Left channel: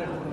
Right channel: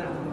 Gracias.